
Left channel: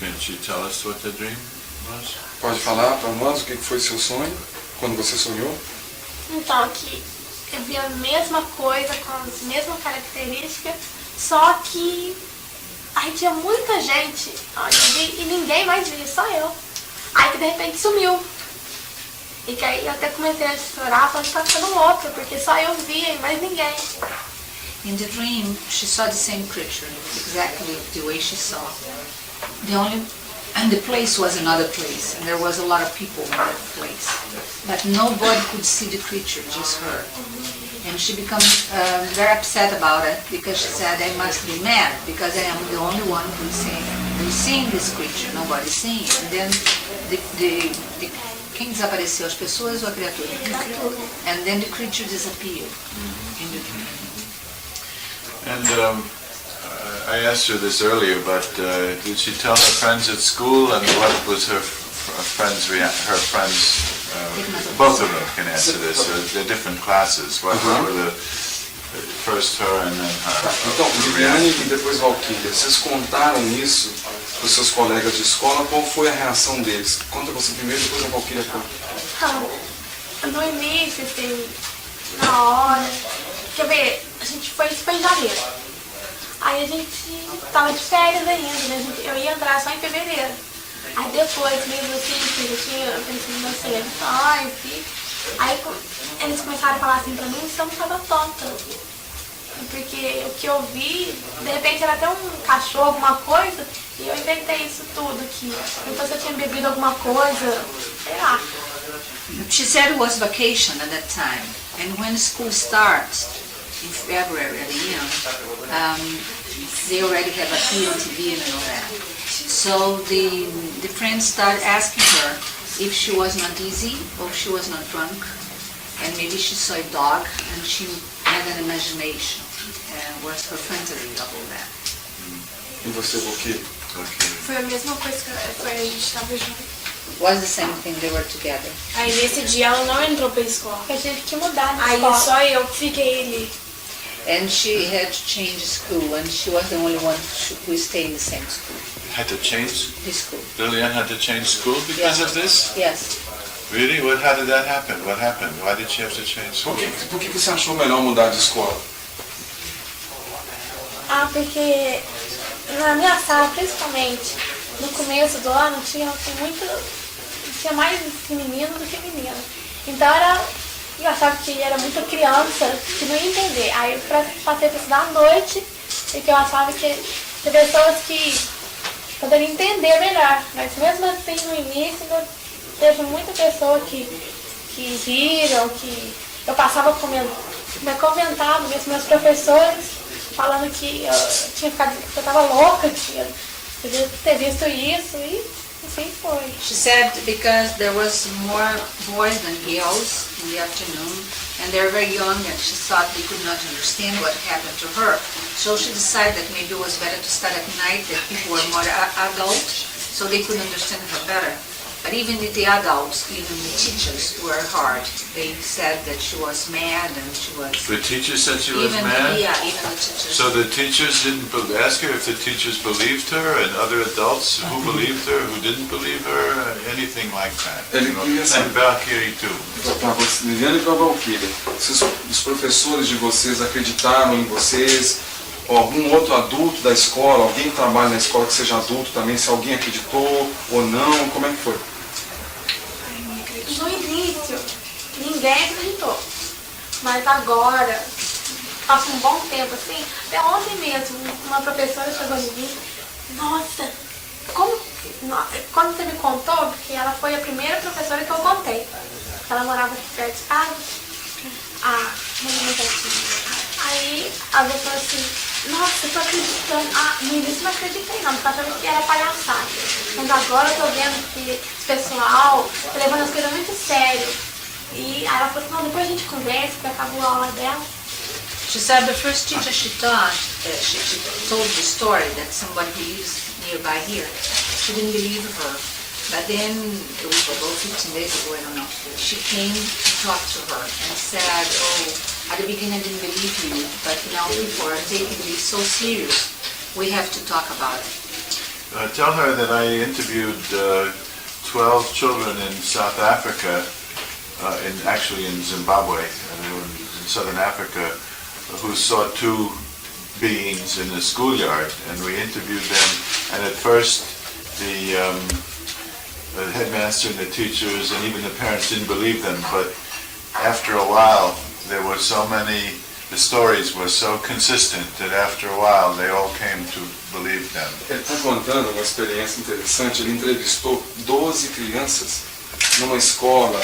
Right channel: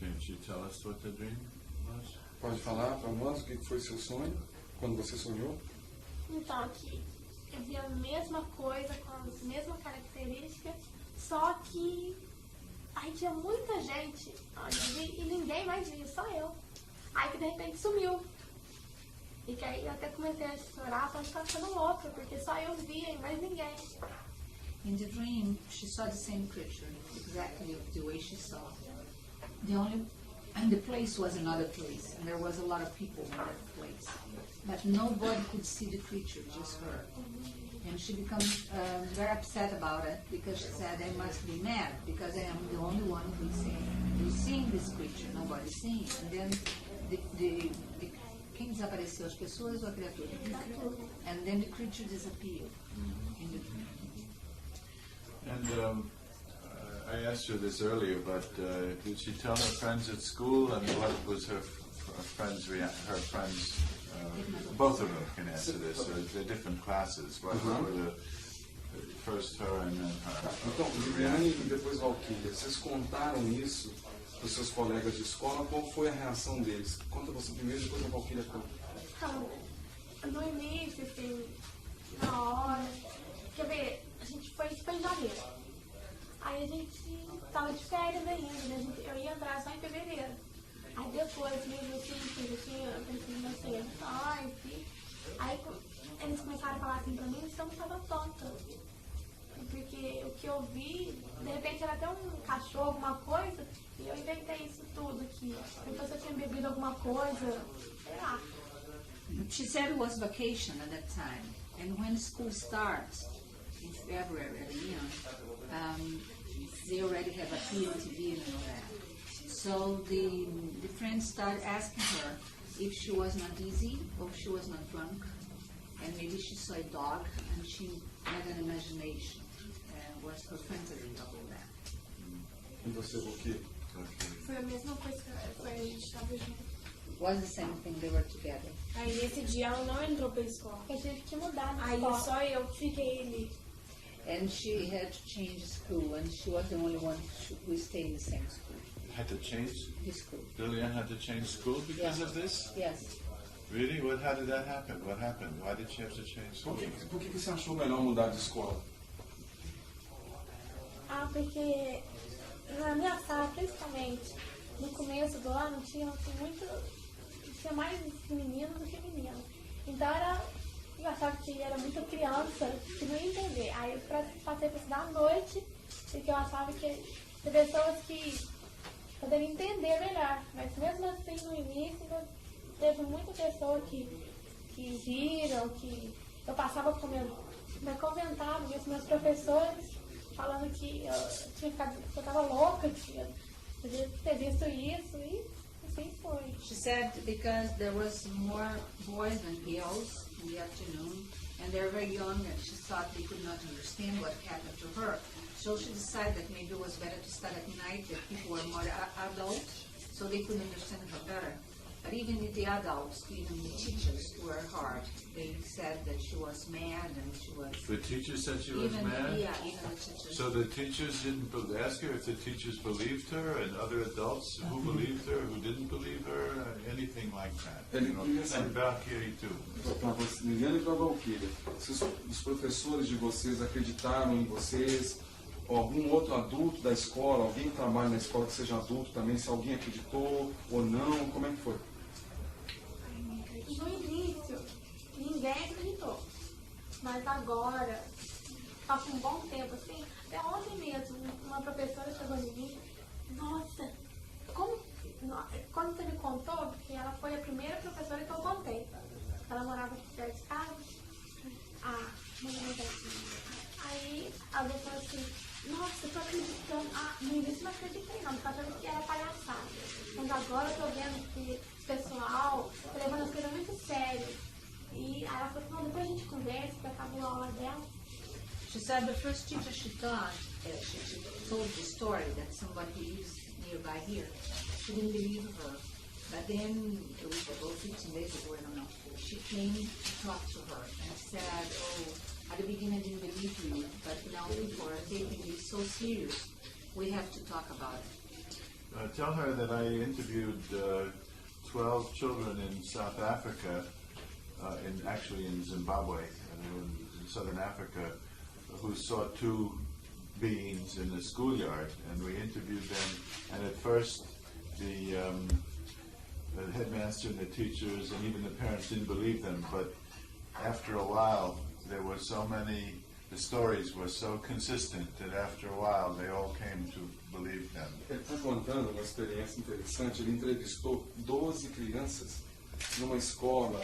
Can she tell us what the dream was? Pode falar para nós o que foi seu sonho, quando você sonhou? Então aqui eu vi a mesma coisa, com as mesmas características, só que aí tinha muita gente onde eu vi e ninguém mais via, só eu. Aí que de repente sumiu. E que aí eu até comecei a chorar, falando que tá ficando louca, porque só eu via e mais ninguém. In the dream, she saw the same creature, exactly the way she saw. And the place was another place, and there was a lot of people in that place. But nobody could see the creature, just her. And she became very upset about it, because she said, I must be mad, because I am the only one who's seeing this creature, nobody's seeing it. And then quem desapareceu, as pessoas ou a criatura? And then the creature disappeared in the dream. And I asked her this earlier, but did she tell her friends at school, and what was her friends' both of them can answer this. They're different classes. What were the first her and then her? Então, Viviane e depois Valquíria, vocês contaram isso para os seus colegas de escola? Qual foi a reação deles? Conta você primeiro, depois a Valquíria conta. Então, no início, assim, na hora, quer ver, isso foi em janeiro. Aí a gente tava de férias ainda, né? Eu ia entrar só em fevereiro. Aí depois, mesmo assim, eu pensei em minhas eleições, aí eles começaram a falar assim pra mim, você não tava tonta. Porque o que eu vi, de repente era até um cachorro, alguma coisa, e eu inventei isso tudo aqui. Então se eu tinha bebido alguma coisa, sei lá. She said it was vacation at that time, and when school starts, in February at the end, they already have a TV and all that. So the friends started asking her if she was not dizzy or if she was not drunk, and maybe she saw a dog and she had an imagination and was her fantasy of all that. E você, Valquíria? Foi a mesma coisa que a gente estava junto. Was the same thing, they were together. Aí nesse dia ela não entrou pra escola. Eu tive que mudar de Aí escola. só eu que fiquei ali. And she had to change school, and she was the only one who stayed in the same school. Had to change? The school. Lillian had to change school because of this? Yes. Really? How did that happen? What happened? Why did she have to change school? Por que você achou melhor mudar de escola? Porque na minha sala, principalmente, no começo do ano, tinha mais menino do que menina. Então eu achava que era muita criança que não ia entender. Aí eu passei para estudar à noite, porque eu achava que tinha pessoas que poderiam entender melhor. Mas mesmo assim, no início, teve muita pessoa que viram, que eu passava comentava meus professores, falando que eu tinha ficado, que eu estava louca, que eu devia ter visto isso, e assim foi. She said because there was more boys than girls in the afternoon, and they were very young, and she thought they could not understand what happened to her. So she decided that maybe it was better to start at night, that people were more adult, so they could understand her better. But even the adults, even the teachers were hard. They said that she was mad and she was... The teacher said she was even, mad? Yeah, even the teachers. So the teachers didn't ask her if the teachers believed her, and other adults who believed her, who didn't believe her, anything like that. And Valkyrie too. Para você, Liliane e para a Valquíria, os professores de vocês acreditaram em vocês? Ou algum outro adulto da escola, alguém que trabalha na escola que seja adulto também, se alguém acreditou ou não, como é que foi? No início, ninguém acreditou. Mas agora, passa um bom tempo assim, até ontem mesmo, uma professora chegou em mim, nossa, quando você me contou, porque ela foi a primeira professora que eu contei. Ela morava aqui perto de casa. Aí a pessoa falou assim, Nossa, eu tô acreditando. Ah, no início não acreditei não, porque eu achava que era palhaçada. Mas agora eu tô vendo que esse pessoal tá levando as coisas muito sério. E aí ela falou assim, não, depois a gente conversa, porque acabou a aula dela. She said the first teacher she taught, she told the story that somebody who lives nearby here, she didn't believe her. But then, a week ago, 15 days ago, I don't know, she came to talk to her and said, oh, at the beginning I didn't believe you, but now people are taking this so serious. We have to talk about it. Tell her that I interviewed 12 children in South Africa, actually in Zimbabwe, in southern Africa, who saw two beings in the schoolyard, and we interviewed them. And at first, the headmaster and the teachers and even the parents didn't believe them, but after a while, there were so many. The stories were so consistent that after a while, they all came to believe them. Ele está contando uma experiência interessante. Ele entrevistou 12 crianças numa escola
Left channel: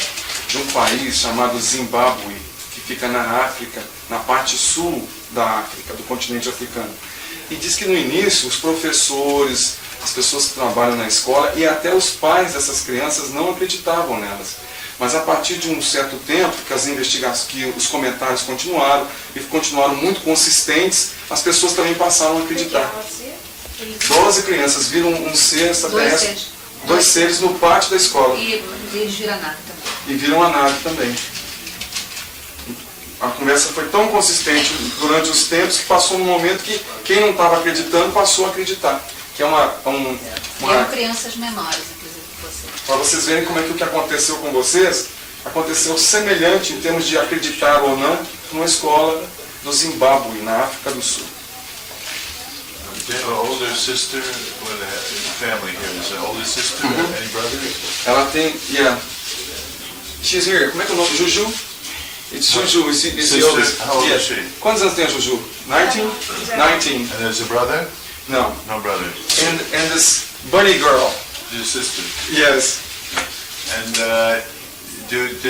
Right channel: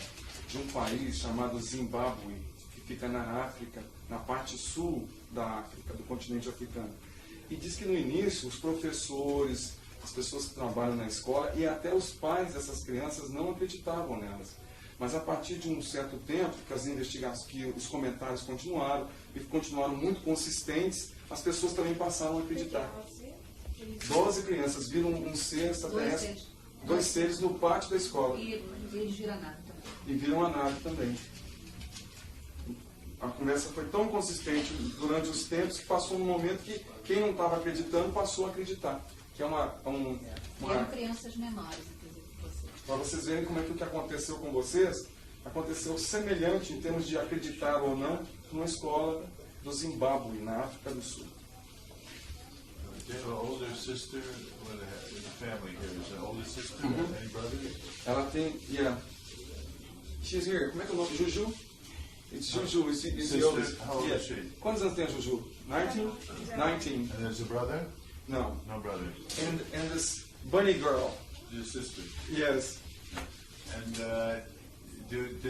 de um país chamado Zimbábue, que fica na África, na parte sul da África, do continente africano. E diz que no início os professores, as pessoas que trabalham na escola e até os pais dessas crianças não acreditavam nelas. Mas a partir de um certo tempo, que as investigações, que os comentários continuaram e continuaram muito consistentes, as pessoas também passaram a acreditar. 12 crianças viram um ser extraterrestre, dois seres no pátio da escola. E eles viram a nave também. E viram a nave também. A conversa foi tão consistente durante os tempos que passou um momento que quem não estava acreditando passou a acreditar. Que é Eram crianças menores, inclusive, que você. Para vocês verem como é que o que aconteceu com vocês aconteceu semelhante em termos de acreditar ou não numa escola do Zimbábue, na África do Sul. An older sister with a family here. Is an older sister? Any brothers? Ela tem, yeah. She's here. Como é que é o nome? Juju? It's Juju. It's the Sister, oldest. how old Yeah. is she? Quantos anos tem a Juju? 19? 19. And there's a brother? No. No brother. And this bunny girl. Your sister. Yes. And did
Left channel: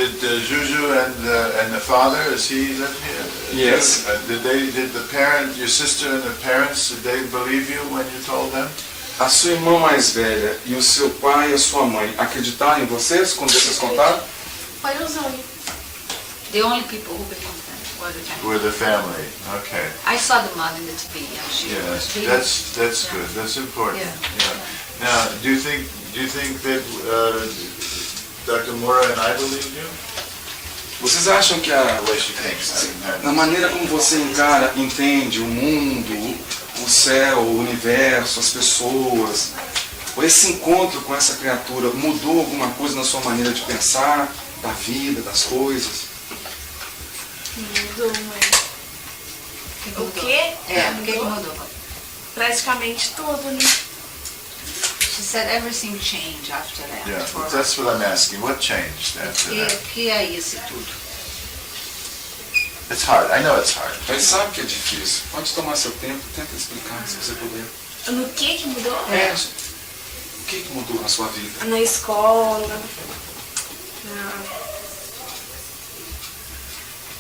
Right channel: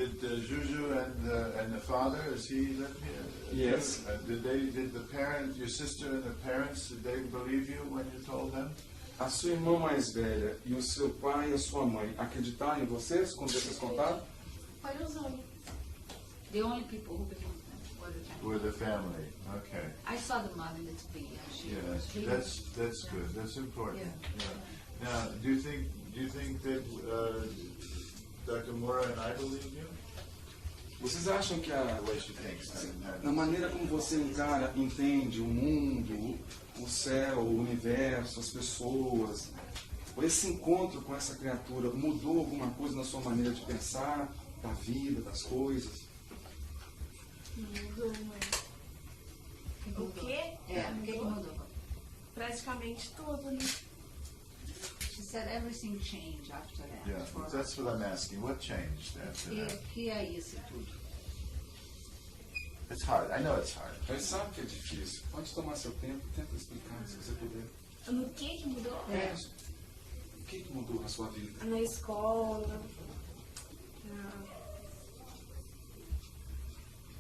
Juju and the father, is he live here? Yes. Did the parent, your sister and the parents, did they believe you when you told them? A sua irmã mais velha e o seu pai e a sua mãe acreditaram em vocês quando vocês contaram? Foi os únicos. The only people who believed them were the family. With the family. Okay. I saw the mom in the TV, and she was Yeah, really... that's good. That's important. Yeah. Yeah. Now, do you think that Dr. Mora and I believe you? Vocês acham que The way she thinks. na maneira como você encara, entende o mundo, o céu, o universo, as pessoas, esse encontro com essa criatura mudou alguma coisa na sua maneira de pensar, da vida, das coisas? Mudou, mãe. O quê? É, o que mudou? Praticamente tudo, né? She said everything changed after that. Yeah, for her. that's what I'm asking. What changed after that? Que é esse tudo? It's hard. I know it's hard. Mas sabe que é difícil. Pode tomar seu tempo, tenta explicar se você puder. No que mudou? O que mudou na sua vida? Na escola.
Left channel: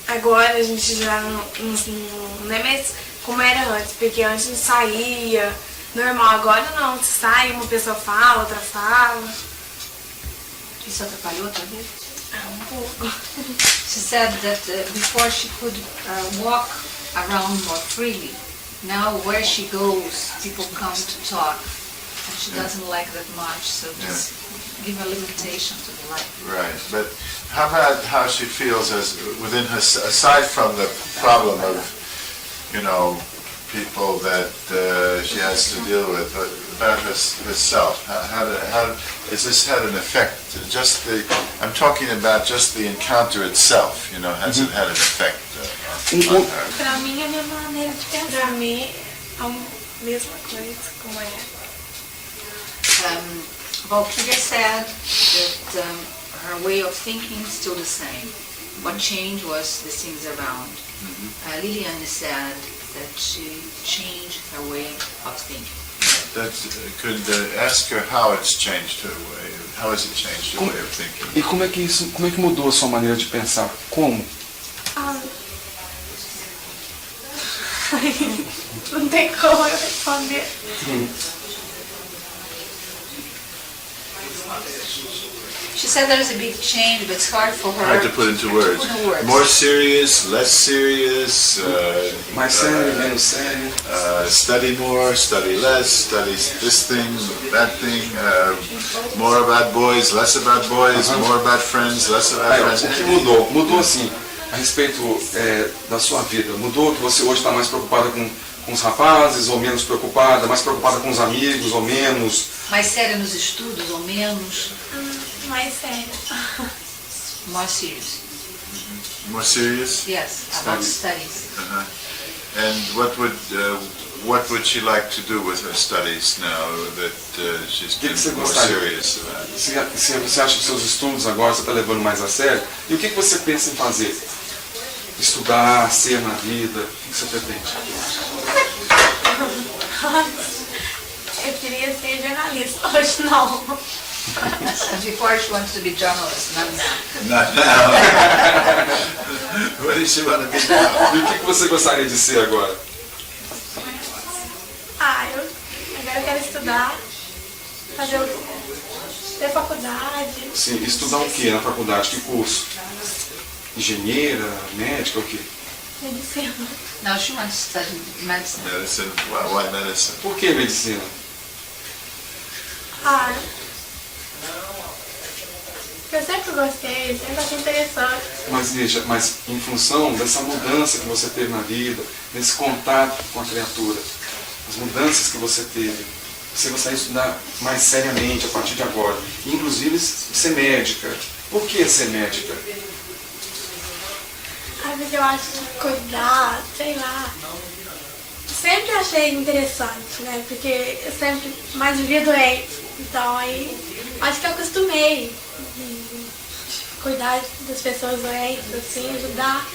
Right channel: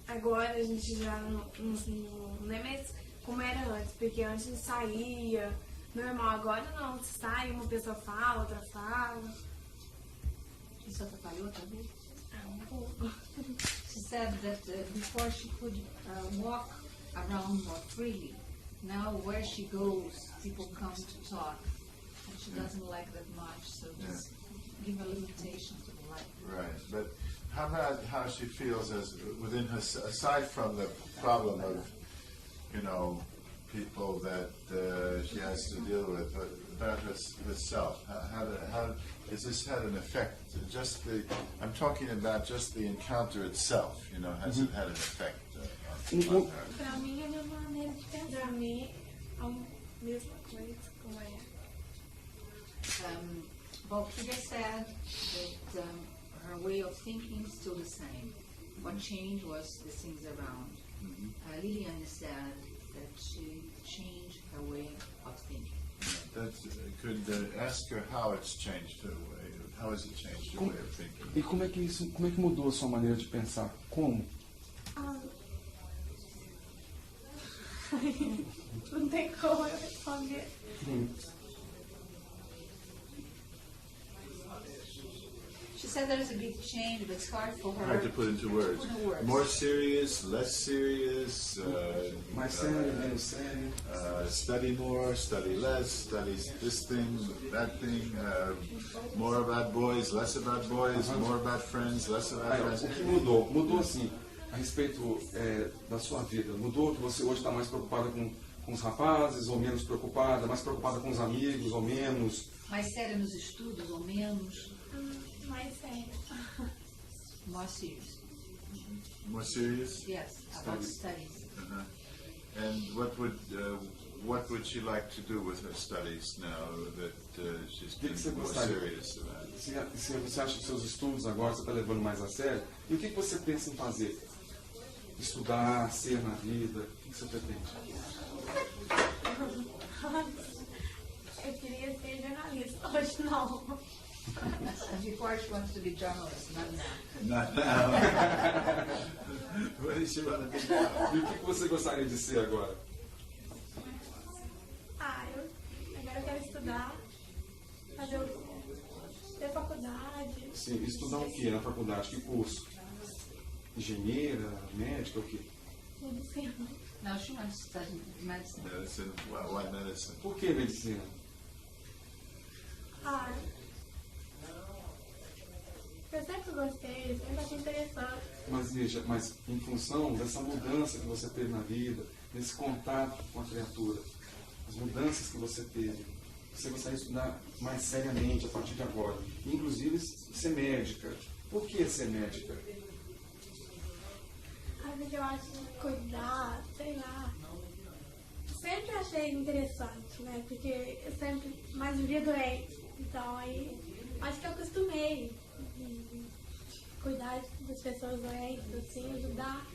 Agora a gente já não é mais como era antes, porque antes a gente saía, normal. Agora não, você sai, uma pessoa fala, outra fala. Isso atrapalhou outra vez? Um pouco. She said that before she could walk around more freely. Now where she goes, people come to talk. And she doesn't like that much, so just give a limitation to the life. Right. But how about how she feels as within her, aside from the problem of, people that she has to deal with, but about herself? How has this had an effect? I'm talking about just the encounter itself. Has it had an effect on her? Pra mim é a mesma maneira de pensar. Pra mim é a mesma coisa, como é. Valkyria said that her way of thinking is still the same. What changed was the things around. Liliane said that she changed her way of thinking. Could ask her how it's changed her way. How has it changed her way of thinking? E como é que mudou a sua maneira de pensar? Como? Não tem como eu responder. She said there's a big change, but it's hard for her Hard to put into words. into words. More serious, less serious, Mais sério, menos sério. study more, study less, study this thing, that thing, more about boys, less about boys, more about friends, less about Aí, friends. o que mudou? Mudou assim, a respeito da sua vida. Mudou que você hoje está mais preocupada com os rapazes ou menos preocupada, mais preocupada com os amigos ou menos. Mais séria nos estudos ou menos? Mais sério. More serious. More serious? Yes, about studies. Uh-huh. And what would she like to do with her studies now that she's Que been você more gostaria? serious about it? Se você acha que seus estudos agora você está levando mais a sério, e o que você pensa em fazer? Estudar, ser na vida, o que você pretende? Eu queria ser jornalista, hoje não. Before she wants to be journalist, not now. Not now. What does she want to be now? E o que você gostaria de ser agora? Agora eu quero estudar, ter faculdade. Sim, estudar o que na faculdade? Que curso? Engenheira, médica, o quê? Medicina. Now she wants to study medicine. Medicine. Why medicine? Por que medicina? Eu sempre gostei, sempre achei interessante. Mas veja, mas em função dessa mudança que você teve na vida, desse contato com a criatura, as mudanças que você teve, você gostaria de estudar mais seriamente a partir de agora, inclusive ser médica. Por que ser médica? Porque eu acho que cuidar, sei lá. Sempre achei interessante, né? Porque eu sempre mais vivia doente. Então aí acho que eu acostumei de cuidar das pessoas doentes, assim, ajudar.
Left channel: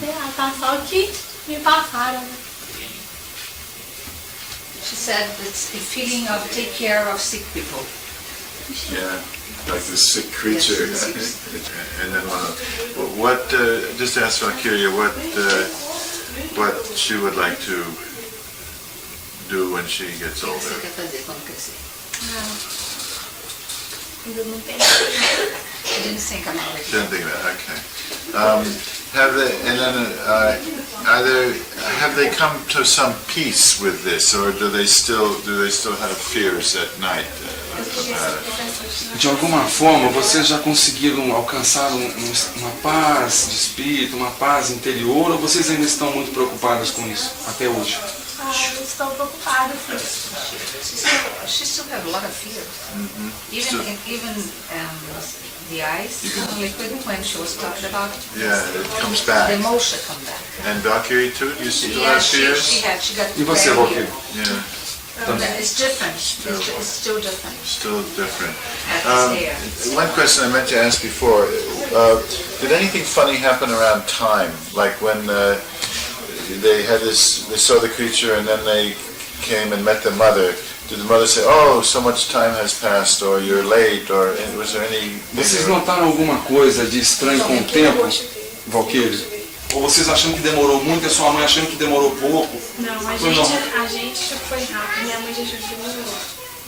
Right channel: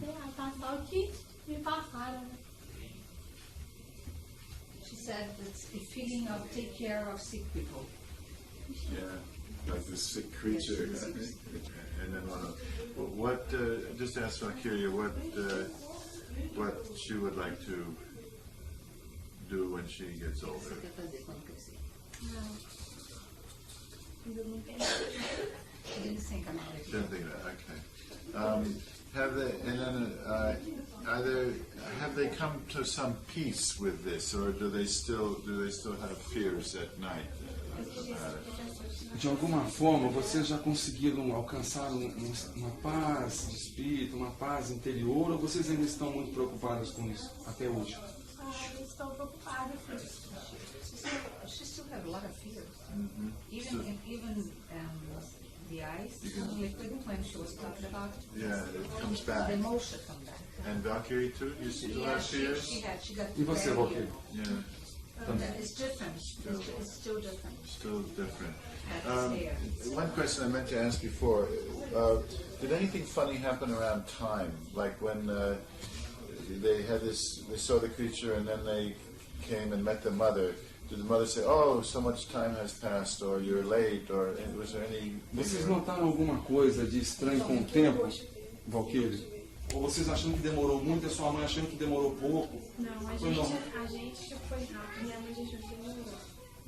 Sei lá, tá só o que me passaram, né? She said it's the feeling of take care of sick people. Yeah, like this sick creature. Yes, And then what? Just to ask Valkyria, what she would like to do when she gets O que você older? quer fazer quando crescer? Ainda não tem. She didn't think about it. Didn't think of that. Okay. Have they? And then have they come to some peace with this, or do they still have fears at night about it? De alguma forma, vocês já conseguiram alcançar uma paz de espírito, uma paz interior, ou vocês ainda estão muito preocupadas com isso, até hoje? Eu estou preocupada, sim. She still have a lot of fears. Even the eyes, liquid, when she was talking about Yeah, it comes the back. emotion come back. And Valkyrie too? Do you still Yeah, have she fears? got E você, very- Valkyrie? Yeah, It's different. It's still different. still different. At this age. One question I meant to ask before, did anything funny happen around time? Like when they saw the creature and then they came and met the mother. Did the mother say, oh, so much time has passed, or you're late, or was there any... Vocês notaram alguma coisa de estranho com o tempo, Valkyrie? Ou vocês achando que demorou muito e a sua mãe achando que demorou pouco? Não, a Foi não. gente achou que foi rápido. Minha mãe já achou que demorou.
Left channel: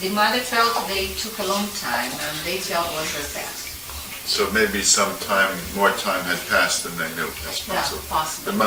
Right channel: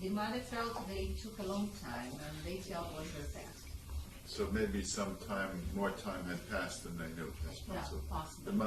The mother felt they took a long time, and they felt was very fast. So maybe more time had passed than they knew. That's Yeah, possible. possible. The mother